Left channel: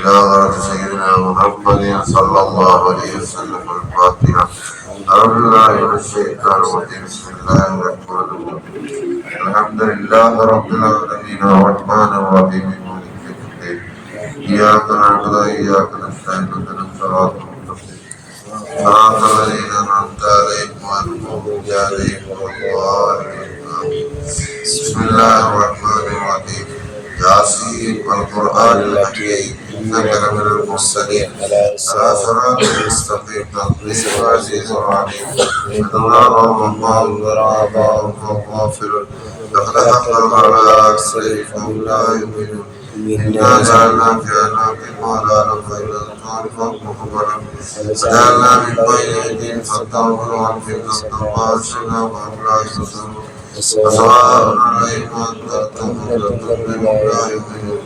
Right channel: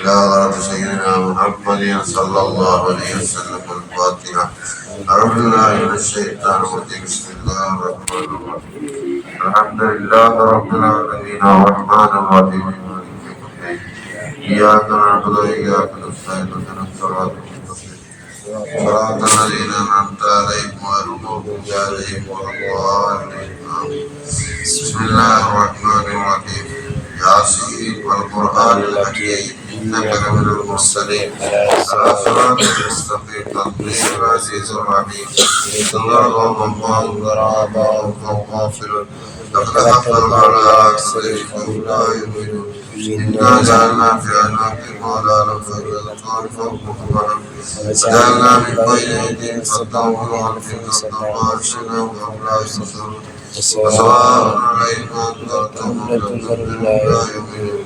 إلى حضرة سيدنا محمد صلى الله عليه وسلم الفاتحة. أعوذ بالله من الشيطان الرجيم. بسم الله الرحمن الرحيم. الحمد لله رب العالمين الرحمن الرحيم مالك يوم الدين. إياك نعبد وإياك نستعين اهدنا الصراط المستقيم صراط الذين أنعمت عليهم غير المغضوب عليهم ولا الضالين. بسم الله الرحمن الرحيم. ياسين والقرآن الحكيم إنك لمن المرسلين على صراط مستقيم تنزيل العزيز الرحيم. الله وآباؤهم غافلون لقد حق على أكثرهم فهم لا يؤمنون. إنا جعلنا في أعناقهم أغلالا فإذا الأطفال فوقهم وجعلنا من بين أيديهم سدا ومن خلفهم سدا وأغشيناهم فهم لا يبصرون. وسواء عليهم أنذرتهم أم لم تنذرهم لا يؤمنون.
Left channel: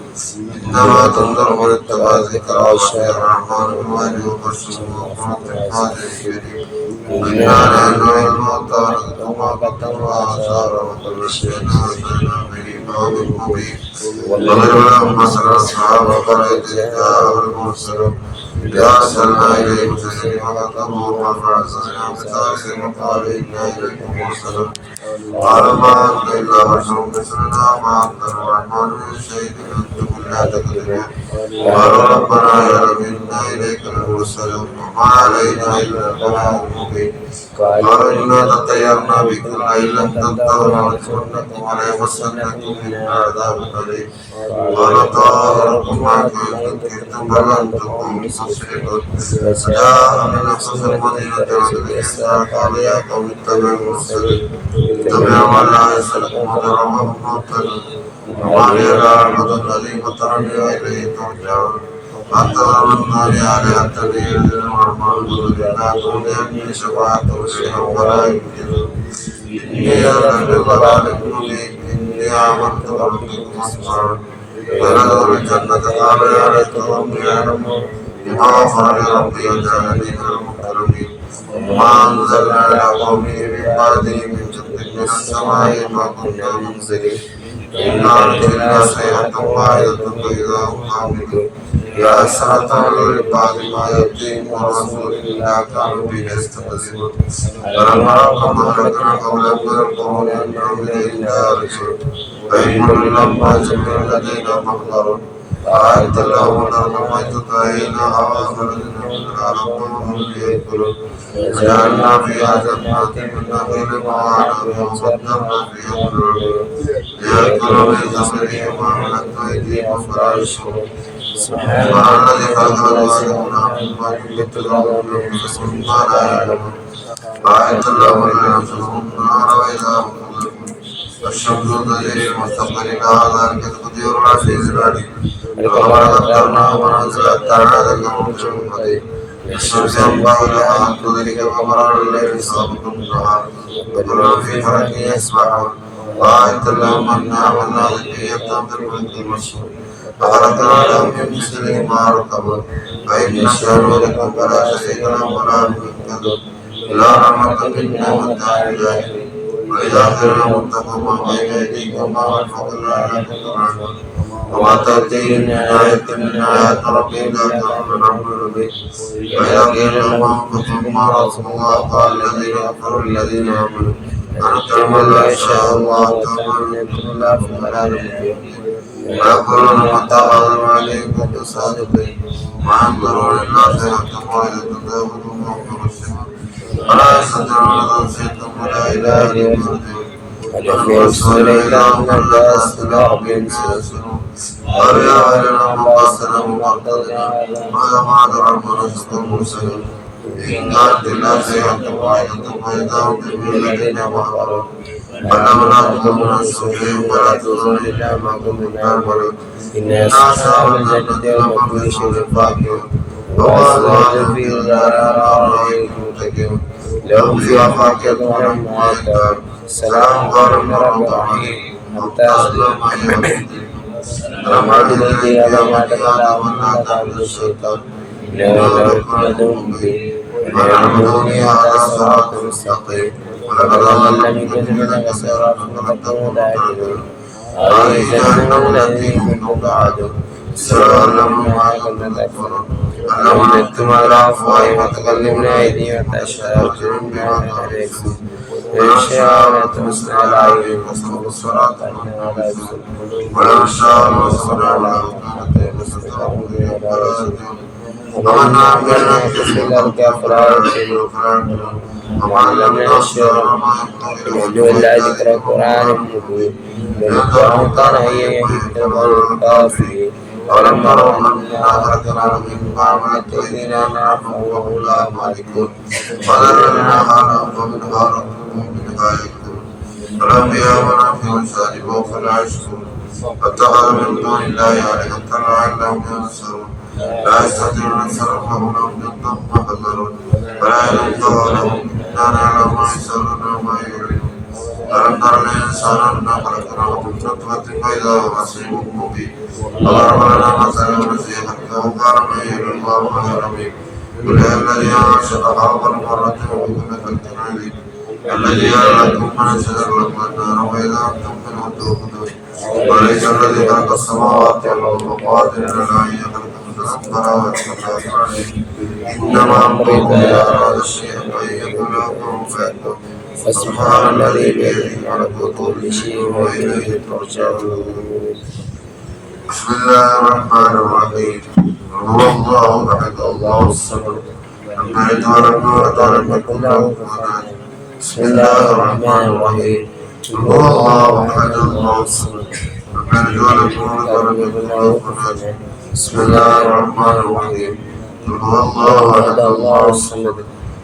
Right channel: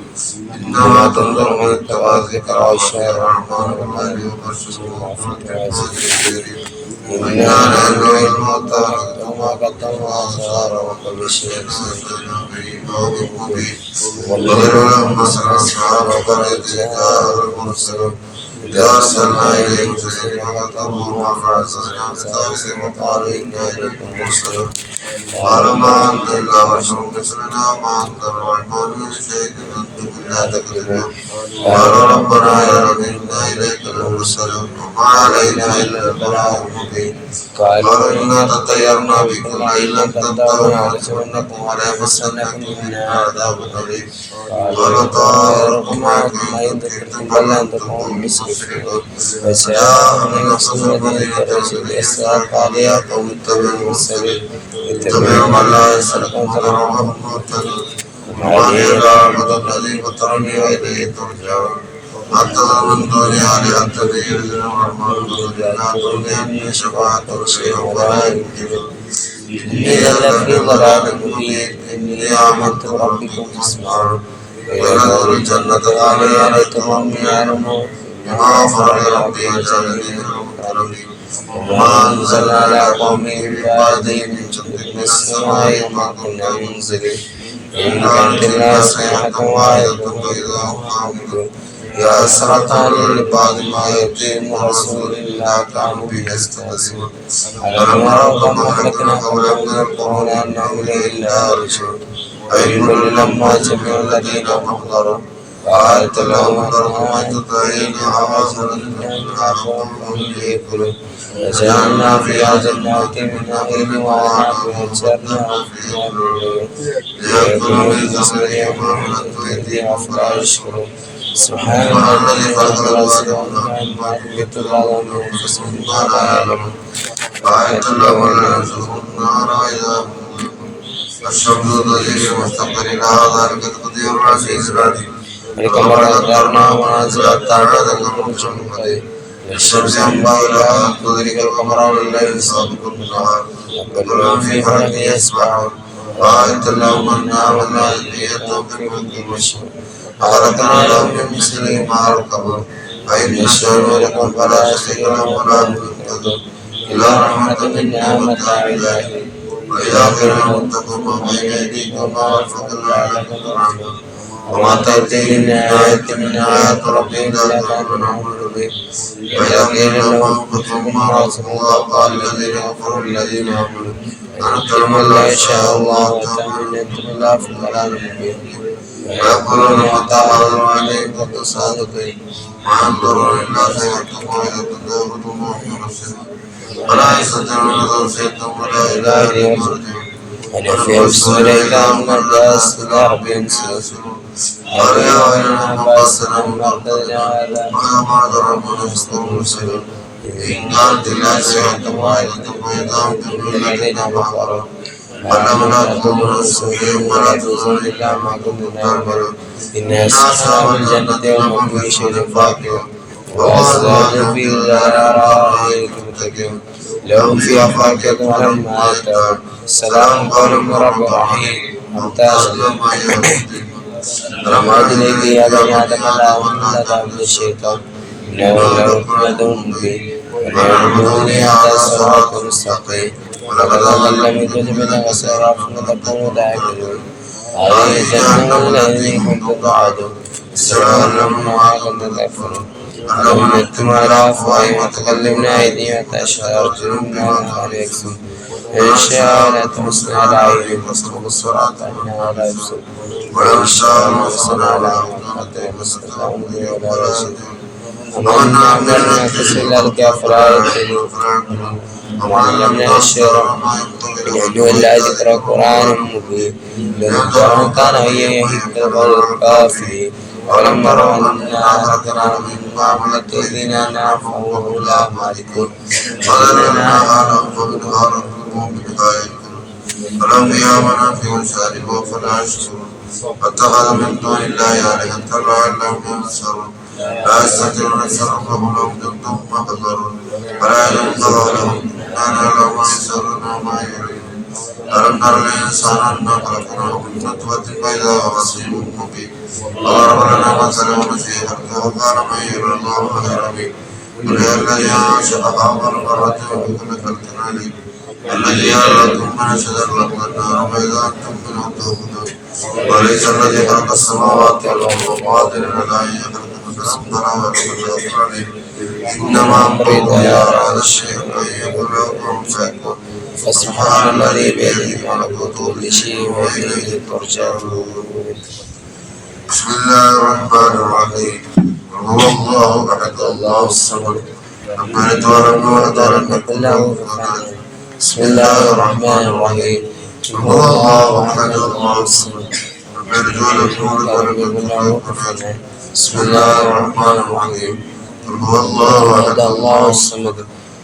إنما تنذر من اتبع الذكر وخشي الرحمن بالغيب وبشره بالمغفرة والأجر. إنا نحن نحيي الموتى ونكتب ما قدموا وآثارهم وكل شيء أحصيناه بإمام مبين. ونضرب لهم مثل أصحاب القرية جاءهم المرسلون إذ أرسلنا إليهم سفينة فكذبوها فعززنا بثالث وقالوا إنا إليكم مرسلون. قال ما أنت إلا بشر مثلنا وما أنت الرحمن من شيء أنتم إلا تكذبون. قالوا ربنا يا رب إنا إليك لمرسلون وما علينا إلا البلاغ المبين. قالوا إنا تطيرنا بكم وإن لم تنتهوا لنرجمنكم وليمسنكم منا عذاب أليم. قال طائركم معكم إن ذكرتم بل أنتم قوم مسرفون. وجاءهم نصر الذين كرهوا الإسراء قال يا قوم اتبعوا المرسلين اتبعوا من لا يسألكم تضرعهم مهتدون. وعلي العبد الذي فطرني وإليه ترجعون. واتخذوا آلهة يعبدون الرحمن لا تغني شفاعتهم شيئا ولا يمكنون. إني لفي ضلال مبين. إني آمنت بربكم فاسمعون. ويدخلوا الجنة علي ليتهم يعلمون بما غفر لي ربي وجعلني مكرمين. وما أنزل على قومه من بعده من جند من السماء وما كنا منزلين. إن كانت إلا صيحة واحدة فإذا هم خامدون. يا أسرة علي لبعض ما يأتيهم رسول إلا كانوا به يستهزئون. ألم يروا كم أهلكنا قبلهم من القرون أنهم إليه لا يرجعون. وإن كل لما جميع الذين محضروا فآيت لهم أنهم تطعين أعظم منها فهم يأكلون. وجعلنا فيها جنات من نخيل وأعناب وفجرنا فيها من عيون ليأكلوا برزقهم ومن أيديها فلا يشكرون. سبحان الذي خلق الأرض وما ينبت الأرض من أنفسهم ما لا يعلمون. وآيت لهم أن ينفخوا النار وإذا هم والشمس تجري مستقر هذا القدير العزيز العليم. القمر قدرناه منازل حتى بلغ النجم القدير. الشمس ينبغي لها أن تدرك القمر الليل سابق النهار وكل في فلك يسبحون. وآيت لهم النار والمائدة تنفق في مشهور خلقنا لهم من مثله ما يركبون. وإن يشاء لكم فلا يستطيعون ولا يهتدون. إلا رحمة منا ومتاع إلهي. وإذا كانوا اتقوا ما بين أيديكم وما خلفكم لعلكم ترحمون. وما تأتي من آية من آيات ربهم إلا كانوا يعملون به. وإذا قيل لهم كتبوا ما رزقوا الله قال الذين كفروا الذين آمنوا أنتم لا يشاء الله وتأمن أنتم الله في ضلال مبين. ويقولون وتعالوا عليهم كنتم صادقين. وأنظروا إلا سيئة واحدة تداولهم وهم يرسلون. ولا يستطيعون توصيتهم ولا إله إلا الله. أن يفيهم السنة إلا من الناس إلى ربهم سلسلون. قالوا يا ويلنا بأسنا مقتدنا هذا ما دربنا نسلم مرسلون. إن كانت إلا سيئة واحدة فإذا هم الذين كفروا. ولما نتوب نسوهم ولا تزول إلا ما كنا نعمل. إن أصحاب الجنة يوم كل شيء فاكهون. وأزواج في الأرائك متكئون. لهم فيها فاكهة ولهم ما يشتهون. سلام قول من رب رحيم. ممتاز. وما إليك يا بني آدم لا أمن تعبد الشيطان إنه لكم عدو مبين. وليعبدوني هذا صراط مستقيم. ولقد ضل من كتبنا وسرافنا قدموا لا يعقلون. هذه الجنة التي كنتم توعدون سلام ما كنتم تكفرون ولو نتم على أفواههم وتكلمنا أيديهم وتشهد أرجلنا بما يكسبون إن شاء لا تمسنا على عين مسلوب الصراط إنها لا يبصر ولو شاء لمسنا على حتى يمسنا الأمر ولا رشد ومن عملنا تسلك فلا يهتدي وعلمنا الشعر يدعو إلا ذكر قرآن مبين لذكر كان هي يهد الكافرين ولم نروا أنا أهلكنا من معاملة أيدينا نافعوا لا مالكون وإننا فلم يامنا في وسالكوا فلا يشكرون واتخذ من دون الله آلهة لعلهم ينصرون لا يستطيعون صرفهم لهم جنة محضرون ولا ينفع لهم إنا نعلم ما يسرون وما يعلنون ألم نر الإنسان أنا خلقناه من نطفة فإذا هو خصيم مبين وضرب لنا مثلا ونسي خلقه قال من يهل الله خيرا منه قل يا الذي أنشأ أول مرة وبكل خلق عليم الذي يعلمكم من شجر النار وإذا أنتم منه توقدون وليس الذي خلق السماوات والأرض قادر على أن يخلق مثلهم ولا يقدر عليه إنما أمره إذا أراد الشيء أن يقول له كن فيكون فسبحان الذي بيده ملكوت كل شيء وإليه ترجعون. بسم الله الرحمن الرحيم هو الله أحد الله الصمد لم يلد ولم يولد ولم يكن له كفوا أحد. بسم الله الرحمن الرحيم هو الله أحد الله الصمد لم يلد ولم يولد ولم يكن له كفوا أحد. بسم الله الرحمن الرحيم هو الله أحد الله الصمد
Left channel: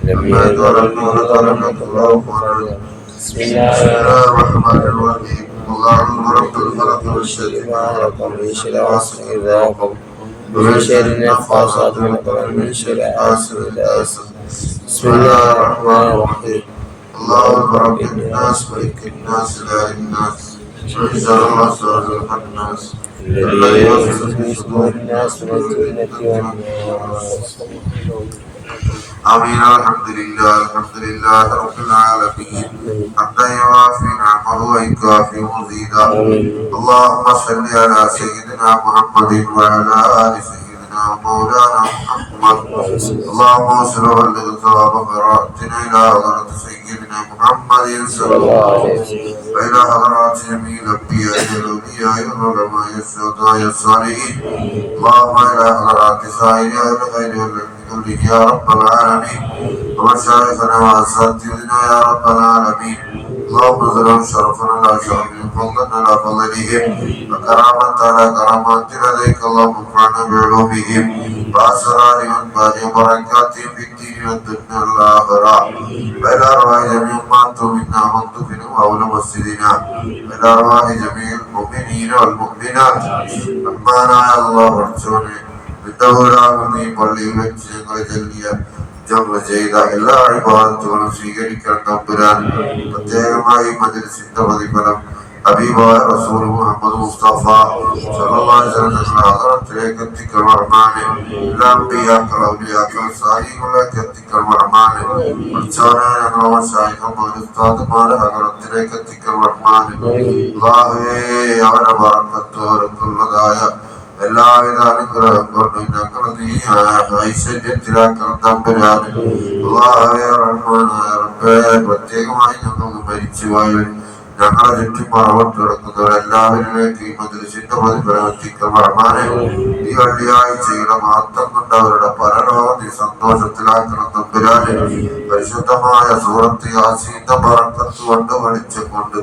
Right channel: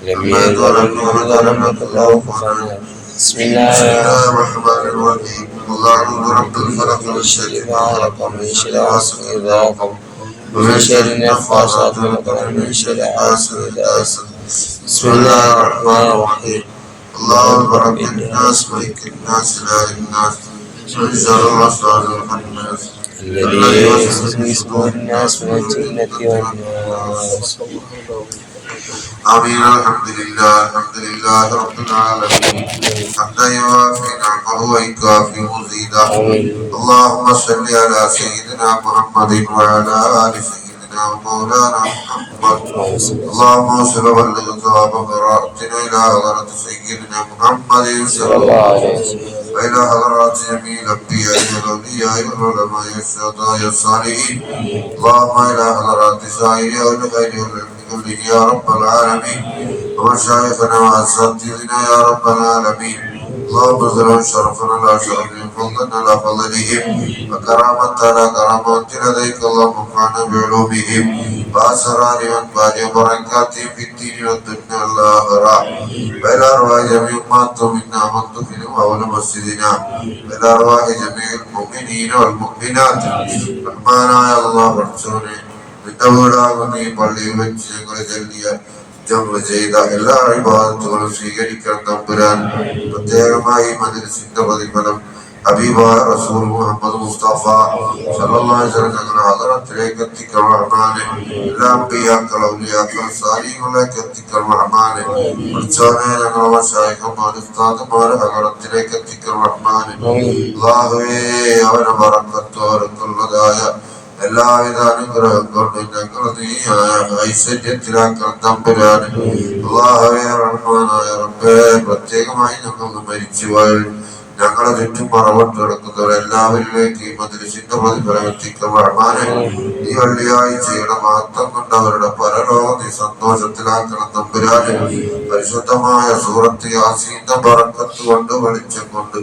لم يلد ولم يولد ولم يكن له كفوا أحد. بسم الله الرحمن الرحيم الله رب الفلق من شر ما خلق ومن شر غاسق إذا وقب ومن شر النفاثات في العقد ومن شر حاسد إذا حسد. بسم الله الرحمن الرحيم الله رب الناس ملك الناس إله الناس من شر الوسواس الخناس الذي يوسوس في صدور الناس من الجنة والناس. آمين. الحمد لله رب العالمين حمدا يوافي نعمه ويكافي مزيدا. اللهم صل على سيدنا محمد وعلى آل سيدنا مولانا محمد. اللهم صل وبلغ ثواب قراءتنا إلى حضرة سيدنا محمد صلى الله عليه وسلم وإلى حضرات جميع الأنبياء والأولياء والعلماء والشهداء الصالحين. اللهم إلى حضرات سائر أهل خير كله يا رب العالمين ومشايخنا وأساتذتنا يا رب العالمين. اللهم زلهم شرفنا لا شرفهم فضلنا لا فضلهم وكرامة لا كرامة لديك. اللهم انفعنا بعلومهم وأسرار وأنفال وبركاتهم في الدين والدنيا والآخرة وإلى أرواح جميع ما أنتم منا منتفن وأولى مسجدنا وإلى أرواح جميع المؤمنين والمؤمنات. رحمنا يا الله ورسوله വിട്ടവരാകുന്ന ഈ പള്ളിയിൽ വെച്ച് ഞങ്ങളെ ഞങ്ങൾ ചെയ്ത എല്ലാ ഇബാദത്തുകളും സ്വീകരിക്കണം തമ്പുരാൻ. പ്രത്യേകമായി മജ്‌ലിസിന്റെ പ്രതിഫലം ഹബീബായ റസൂൽ മുഹമ്മദ് മുസ്തഫ സല്ലല്ലാഹു അലൈഹി വസല്ലം ഞങ്ങളുടെ ഹദറത്തിലേക്ക് എത്തിക്കണം റഹ്മാനെ. എല്ലാ അമ്പിയാക്കൾ ഔലിയാക്കൾ സാലിഹ്കളിലേക്ക് എത്തിക്കണം റഹ്മാനെ. ഉച്ചവനെ ഞങ്ങളുടെ മശായിഖുമാർ ഉസ്താദുമാരെ ഹദറത്തിലേക്ക് എത്തിക്കണം റഹ്മാനെ. അല്ലാഹുവേ അവരുടെ ബറക്കത്ത് അവർക്കുള്ളതായ എല്ലാവിധ അനുഗ്രഹം കൊണ്ട് ഞങ്ങൾ നീ ഐശ്വര്യത്തിലാക്കണം തമ്പുരാന്. അല്ലാഹുവേ റഹ്മാനായ റബ്ബേ, പ്രത്യേകമായി ഞങ്ങൾക്ക് മരിച്ചുപോയ ഞങ്ങളെ ചുറ്റും മറവട്ട് കിടക്കുന്നവർ എല്ലാവരിലേക്ക് ഈ മജ്‌ലിസിന്റെ പ്രതിഫലം എത്തിക്കണം റഹ്മാനെ. ഈ വെള്ളിയാഴ്ചയുടെ മഹത്വം കൊണ്ട് അവരുടെ പരലോകം നീ സന്തോഷത്തിലാക്കണം തമ്പുരാന്. പരിശുദ്ധമായ സൂറത്ത് യാസീന്റെ ബറക്കത്ത് കൊണ്ട് വെളിച്ചം കൊണ്ട്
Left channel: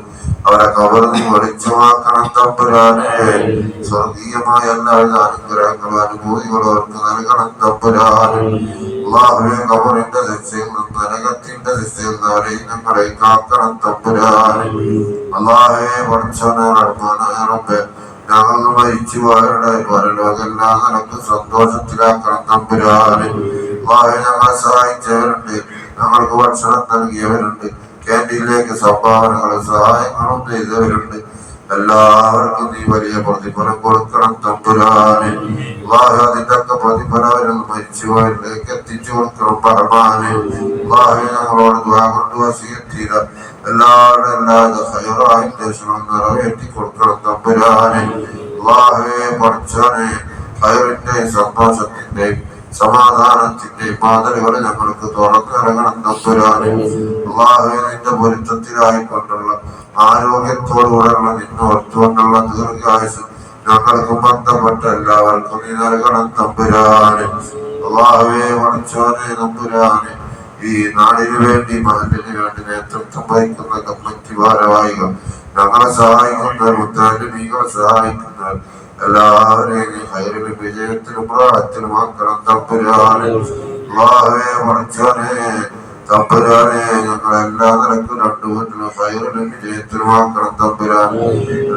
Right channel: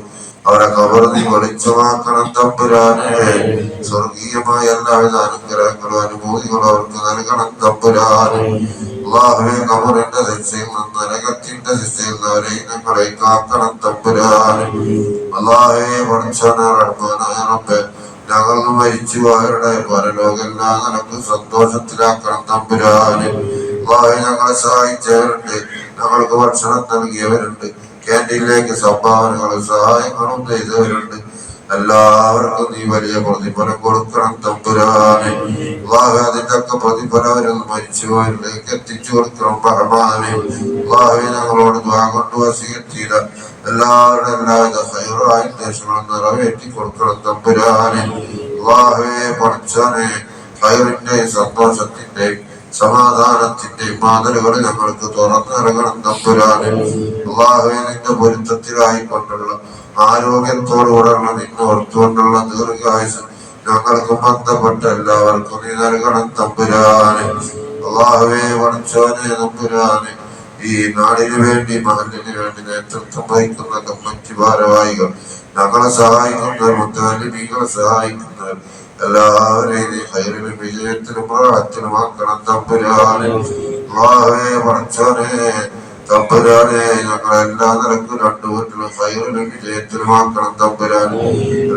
അവരെ ഖബർ നീ വെളിച്ചമാക്കണം തമ്പുരാനെ. സ്വർഗീയമായ എല്ലാവിധ അനുഗ്രഹങ്ങളും അനുഭൂതികളും അവർക്ക് നൽകണം തമ്പുരാനെ. അല്ലാഹുവേ, ഖബറിന്റെ ശിക്ഷയിൽ നിന്ന് നരകത്തിന്റെ ശിക്ഷയിൽ നിന്ന് അവരെയും ഞങ്ങളെ കാക്കണം തമ്പുരാനെ. അല്ലാഹുവേ, പഠിച്ചവനെ റഹ്മാനായ റബ്ബേ, ഞങ്ങൾ മരിച്ചുപോയവരുടെ പരലോകമെല്ലാം നിനക്ക് സന്തോഷത്തിലാക്കണം തമ്പുരാനെ. അല്ലാഹുവേ, ഞങ്ങളെ സഹായിച്ചവരുണ്ട്, ഞങ്ങൾക്ക് ഭക്ഷണം നൽകിയവരുണ്ട്, ക്യാൻറ്റീനിലേക്ക് സംഭാവനകളും സഹായങ്ങളും ചെയ്തവരുണ്ട്. എല്ലാവർക്കും നീ വലിയ പ്രതിഫലം കൊടുക്കണം തമ്പുരാനെ. അതിന്റെ പ്രതിഫലം അവരിൽ മരിച്ചുപോയവരിലേക്ക് എത്തിച്ചു കൊടുക്കണം റഹ്മാനെ. ഞങ്ങളോട് ദുആ കൊണ്ട് വസിയത്ത് ചെയ്ത എല്ലാവരുടെ ഹൈറായി ദേശങ്ങൾ നിറവേറ്റി കൊടുക്കണം തമ്പുരാനെ. അല്ലാഹുവേ പഠിച്ചോനെ, ഹൈറിന്റെ സന്തോഷത്തിന്റെ സമാധാനത്തിന്റെ മാതൃകൾ ഞങ്ങൾക്ക് തുറന്നിറങ്ങണം തമ്പുരാനെ. അല്ലാഹുവേ നിന്റെ പൊരുത്തത്തിലായിക്കൊണ്ടുള്ള ആരോഗ്യത്തോടുകൂടെയുള്ള നിന്നെ ഓർത്തുകൊണ്ടുള്ള ദീർഘായുസ് ഞങ്ങൾക്ക് ബന്ധപ്പെട്ട എല്ലാവർക്കും നീ നൽകണം തമ്പുരാനെ. അല്ലാഹുവേ പഠിച്ചോനെ തമ്പുരാനെ, ഈ നാടിനു വേണ്ടി മഹലിന് വേണ്ടി നേതൃത്വം വഹിക്കുന്ന കമ്മിറ്റി ഭാരവാഹികൾ, ഞങ്ങളെ സഹായിക്കുന്നവർ, മുത്താലിമീങ്ങളെ സഹായിക്കുന്നവർ എല്ലാവരെയും നീ ഹൈറിലും വിജയത്തിലും പ്രാർത്ഥനമാക്കണം തമ്പുരാനെ. അല്ലാഹുവേ പഠിച്ചോനെ തമ്പുരാനെ, ഞങ്ങളെല്ലാ നിലക്കും രണ്ടു വീട്ടിലും ഹൈറിലും വിജയത്തിലുമാക്കണം തമ്പുരാനെ.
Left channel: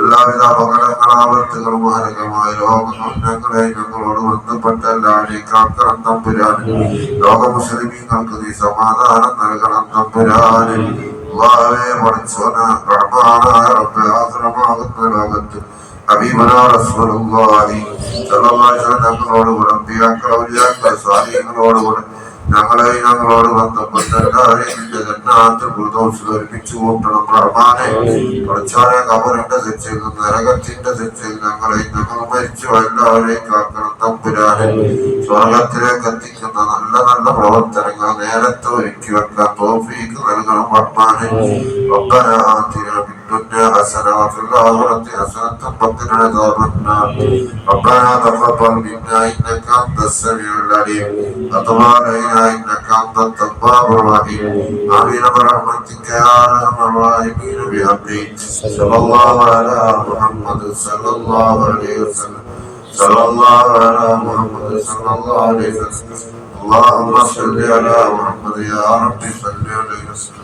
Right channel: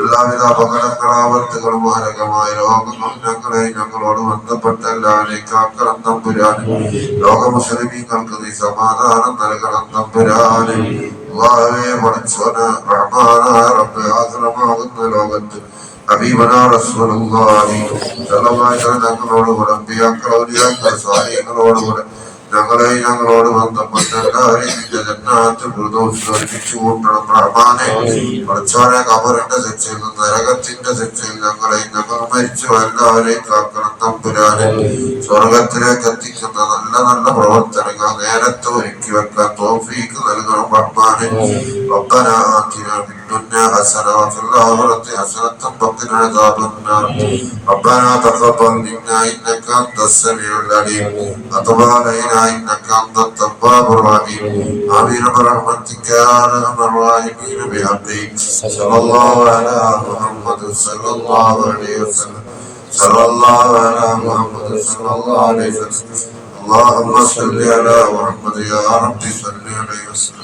എല്ലാവിധ അപകടങ്ങളാവർത്തുകളും മാരകമായ രോഗങ്ങളും ഞങ്ങളോട് ബന്ധപ്പെട്ട എല്ലാവരെയും കാക്കണം തമ്പുരാനെ. ലോക മുസ്ലിമീങ്ങൾക്ക് നീ സമാധാനം നൽകണം തമ്പുരാനെ. അല്ലാഹുവേ പഠിച്ചോനെ, റഹ്മാനായ റബ്ബേ, ആശ്രമാകുന്ന ലോകത്ത് ഹബീബനാ റസൂലുള്ളാഹി സ്വല്ലല്ലാഹു അലൈഹി വസല്ലം തങ്ങളോടുകൂടെ അമ്പിയാക്കൾ, ഔലിയാക്കൾ, സാലിഹീങ്ങളോടുകൂടെ ഞങ്ങളോട് ബന്ധപ്പെട്ട എല്ലാവരെയും നിന്റെ ജന്നാത്തുൽ ഫിർദൗസിൽ ഒരുമിച്ച് കൂട്ടണം റഹ്മാനെ. പഠിച്ചോനെ, ഖബറിന്റെ ശിക്ഷയിൽ നിന്ന്, നരകത്തിന്റെ ശിക്ഷയിൽ ഞങ്ങൾ മരിച്ചു എല്ലാവരെയും കാക്കണം തമ്പുരാനെ. സ്വർഗത്തിലേക്ക് എത്തിക്കുന്ന നല്ല നല്ല പ്രവർത്തനങ്ങൾ നേരത്തെ ഒരുക്കി വെക്കാൻ തൗഫീഖ് നൽകണം റഹ്മാനെ. റബ്ബനാ ആതിനാ ഫിദ്ദുനിയ ഹസന വഫിൽ ആഖിറതി ഹസനത വഖിനാ അദാബന്നാർ. റബ്ബനാ തഖബ്ബൽ മിന്നാ ഇന്നക അൻതസ് സമീഉൽ അലീം വതുബ് അലൈനാ إنك أنت التواب الرحيم. آمين برحمتك يا أرحم الراحمين. بحقه صلى الله على محمد صلى الله عليه وسلم. صلى الله على محمد صلى الله عليه وسلم. اللهم صل على محمد يا رب صل عليه وسلم.